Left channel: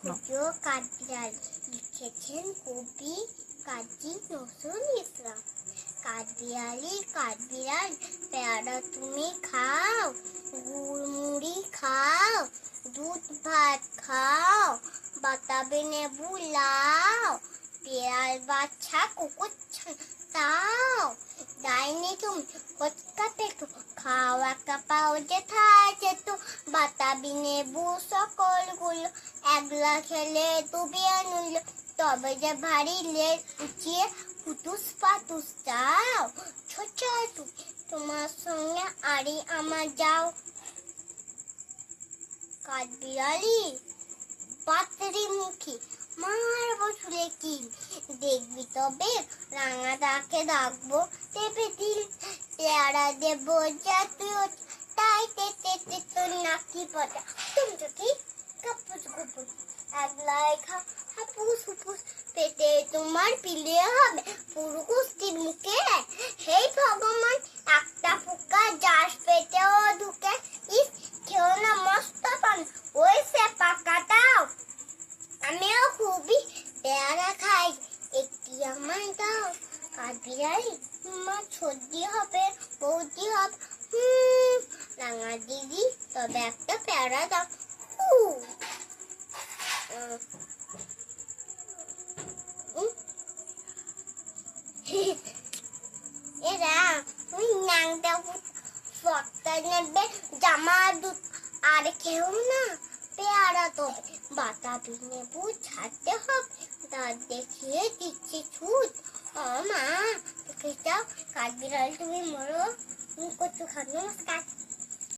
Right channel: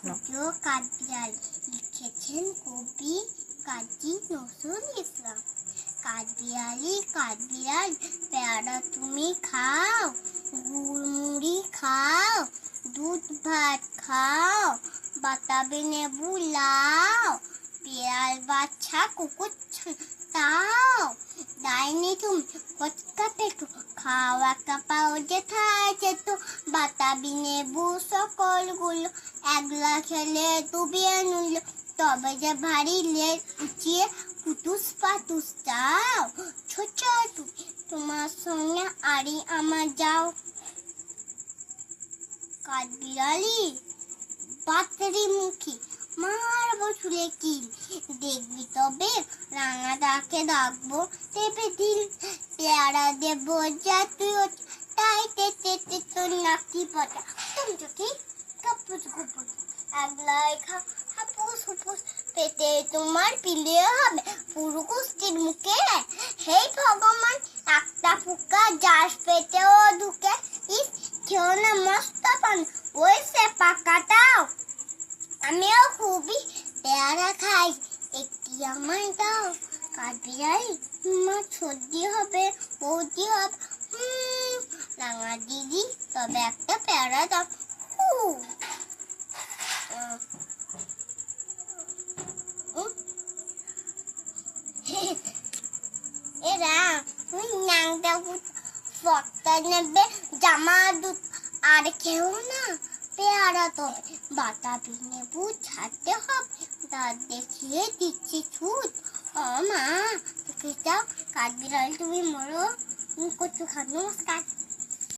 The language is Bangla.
ক্ষুদ্র কাঠবিড়াল লিখেছেন কবি কাজী নজরুল ইসলাম। কাঠবিড়াল পেয়ারা তুমি খাও, গুড় মুড়ি খাও, দুধ ভাত খাও, বাতাবি লেবু লাও, পেয়াল বাচ্চা কুকুর তাও, ডাইনি তুমি কচকা পেটু খাও একটা পাও যেথায় যেত, বাতাবি লেবু সকলগুলো একলা খেলে ডুবিয়ে নিল, তবে যে ভারী লেজ উঁচিয়ে পুতুস পাতুস যাও, ছোচা তুমি তোমার সঙ্গে আড়ি আমার যাও। কাঠবিড়ালি পাতরি মুখী মারবো চুলে কি, দেখবি তবে রাঙা ডাকে ডাকবো তেপে দিল, পেয়ারা দেবো জাতীয় তাই তেতে তোর নাকি পটা তুমি তো ঠিক কাপুস কুপুস একলাই হাপুস হুপুস, পেটে তোমার পিলে হবে পুরো কুস্তির মুখে, হেই ভগবান একটা ফুকা যাস পেটেও ঢুকে, ইস কেউ না মস্ত পান ওই সে পাকাটাও, আমিও খুবই পেয়ারা খাই একটি আমার দাও। কাঠবিড়ালি মা সর্দি হবে বৌদি হবে, রাঙা দিদি তবে একটা পেয়ারা দাও। এরা ওই ন্যাংটা ফটা নেবে জামা দুধ আর কেউ না, পেয়ারা তবে বাতাবি লেবু ছাড়তে হবে, দাঁত দেখিয়ে দিচ্ছি ছুট। ও মা দেখে যাও কাঠবিড়াল তুমি মরো, কচু খান নমস্কার।